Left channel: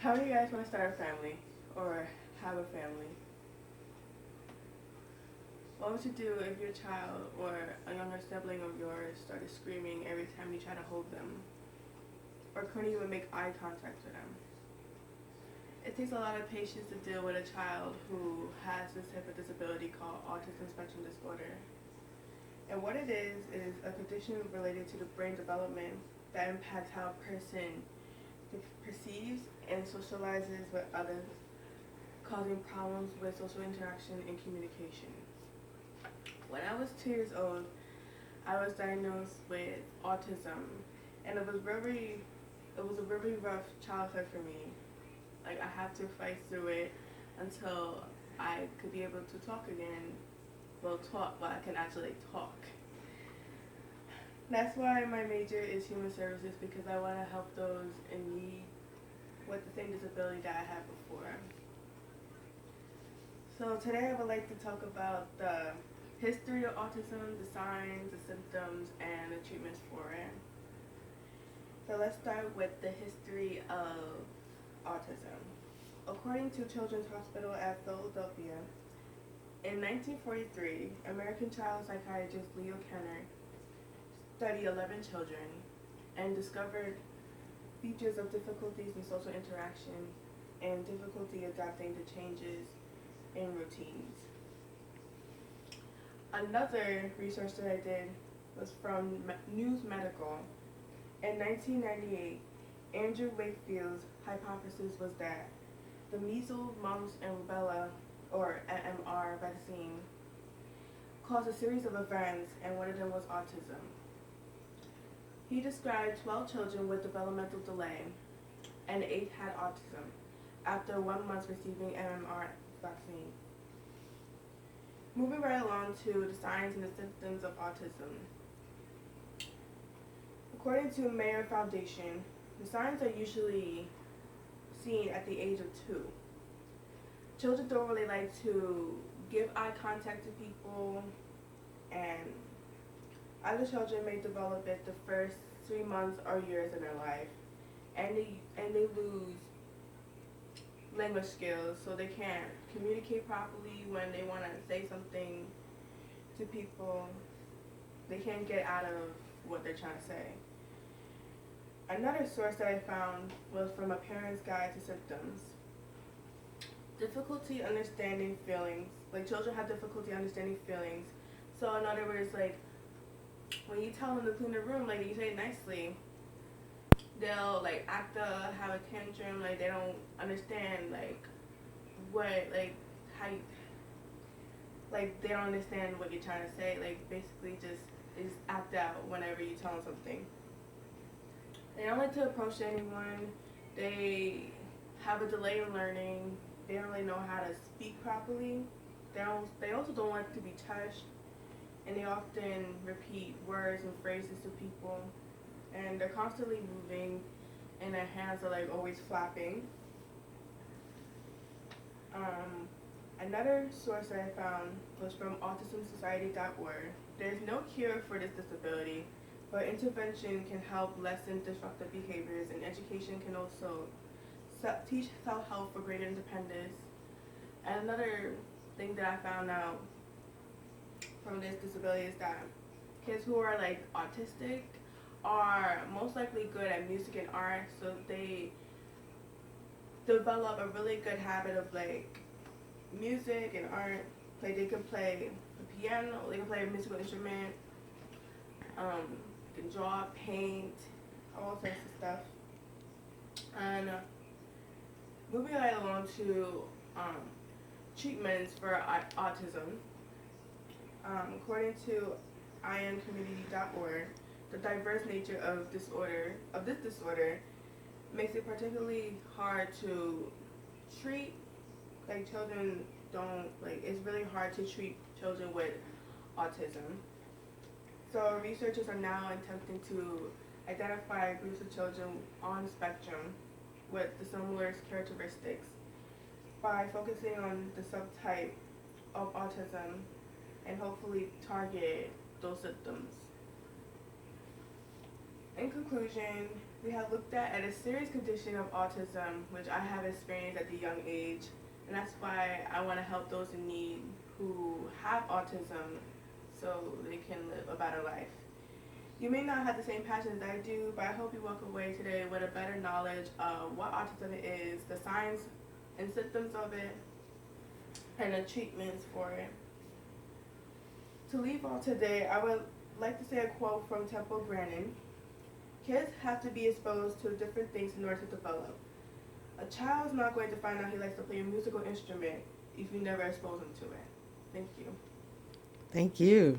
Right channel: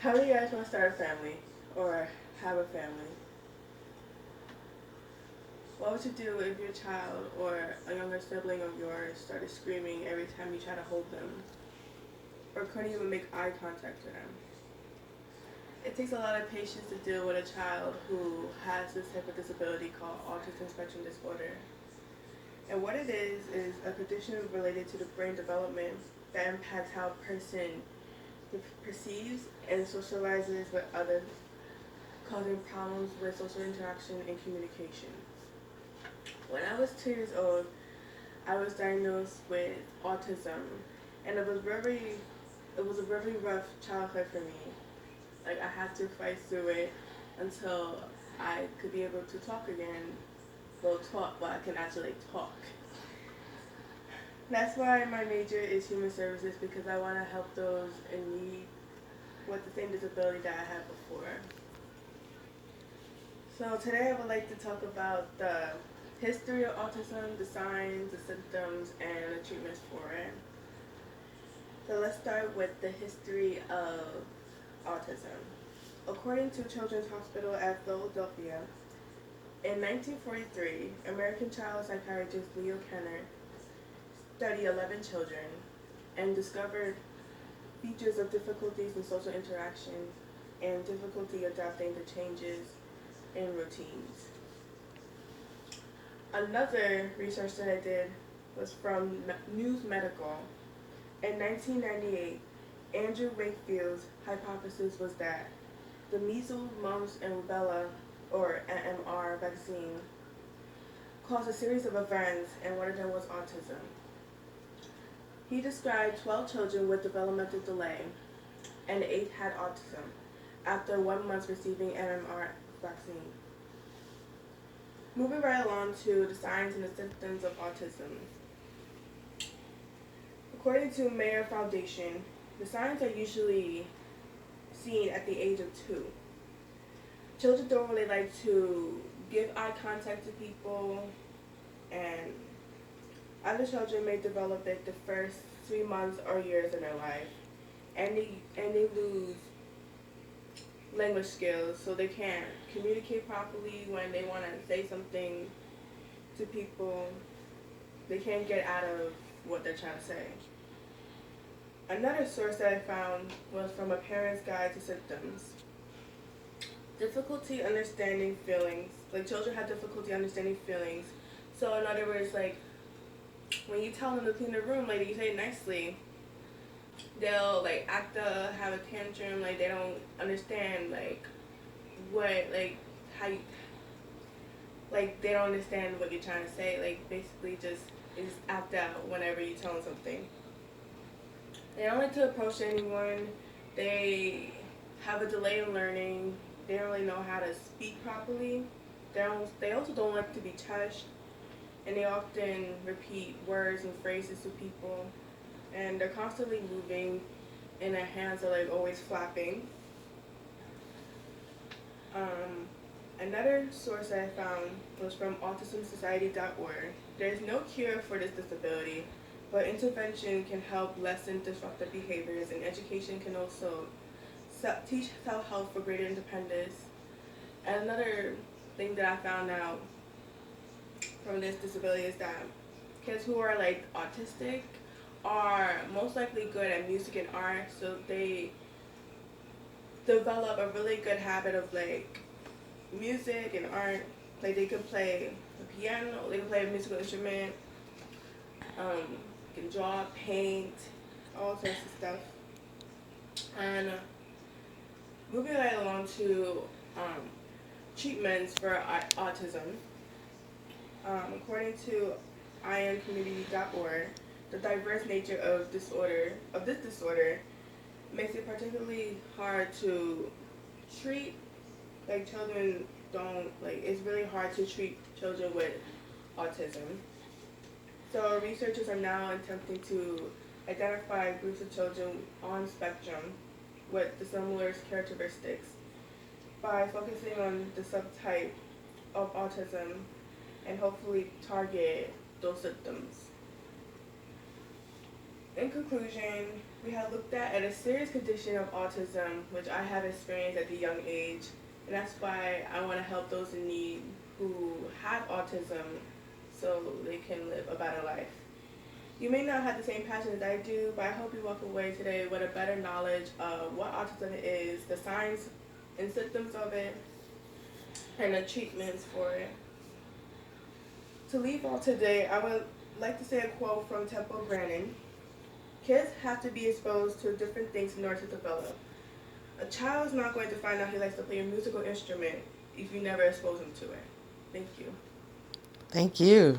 How do you guys want to start a family or have a family? What would you do if your child or a younger sibling of yours started screaming every time you try to hold them or couldn't even make eye contact with them? It takes a lot of patience to deal with a child who has this type of disability called Autistic Spectrum disorder. And what it is a condition related to the brain development that impacts how a person perceives and socializes with others, causing problems with social interaction and communication. When I was 2 years old, I was diagnosed with autism, and it was a very rough childhood for me. Like I had to fight through it until I could be able to talk again. Well, talk, but I can actually talk. That's why my major is human services because I want to help those in need with the same disability that I had before. So today I would like to talk about the history of autism, the signs, the symptoms, and the treatments for it. So let's start with the history of autism. According to Children's Hospital at Philadelphia, in 1943, American child psychiatrist Leo Kenner studied 11 children and discovered features of difficulties in social interaction and difficulty adapting to changes in routines. Another research that I did was from News Medical. In 1998, Andrew Wakefield's hypothesis was that the measles, mumps, and rubella, or MMR vaccine, caused a series of events, and one of them was autism. He described 12 children with developmental delay, and 8 had autism after 1 month receiving MMR vaccine. Moving right along to the signs and the symptoms of autism. According to Mayer Foundation, the signs are usually seen at the age of 2. Children don't really like to give eye contact to people, and other children may develop it the first 3 months or years in their life, and they lose language skills, so they can't communicate properly when they want to say something to people. They can't get out of what they're trying to say. Another source that I found was from a parent's guide to symptoms. Difficulty understanding feelings. Like children have difficulty understanding feelings. So in other words, like when you tell them to clean the room, like you say it nicely, they'll like have a tantrum, like they don't understand like what like how you like they don't understand what you're trying to say. Like basically just act out whenever you tell them something. They don't like to approach anyone. They have a delay in learning. They don't really know how to speak properly. They also don't like to be touched, and they often repeat words and phrases to people, and they're constantly moving, and their hands are like always flapping. Another source that I found was from autismsociety.org. There's no cure for this disability, but intervention can help lessen disruptive behaviors, and education can also teach self-help for greater independence. And another thing that I found out from this disability is that kids who are like autistic are most likely good at music and art, so they develop a really good habit of like music and art. Like they can play the piano, they can play a musical instrument, can draw, paint, all sorts of stuff. And moving right along to treatments for autism. According to ioncommunity.org, the diverse nature of this disorder makes it particularly hard to treat. Like children don't like it's really hard to treat children with autism. So researchers are now attempting to identify groups of children on spectrum with the similar characteristics by focusing on the subtype of autism and hopefully target those symptoms. In conclusion, we have looked at a serious condition of autism, which I have experienced at a young age, and that's why I want to help those in need who have autism so they can live a better life. You may not have the same passion as I do, but I hope you walk away today with a better knowledge of what autism is, the signs and symptoms of it, and the treatments for it. To leave off today, I would like to say a quote from Temple Grandin. Kids have to be exposed to different things in order to develop. A child is not going to find out he likes to play a musical instrument if you never expose him to it. Thank you. Thank you.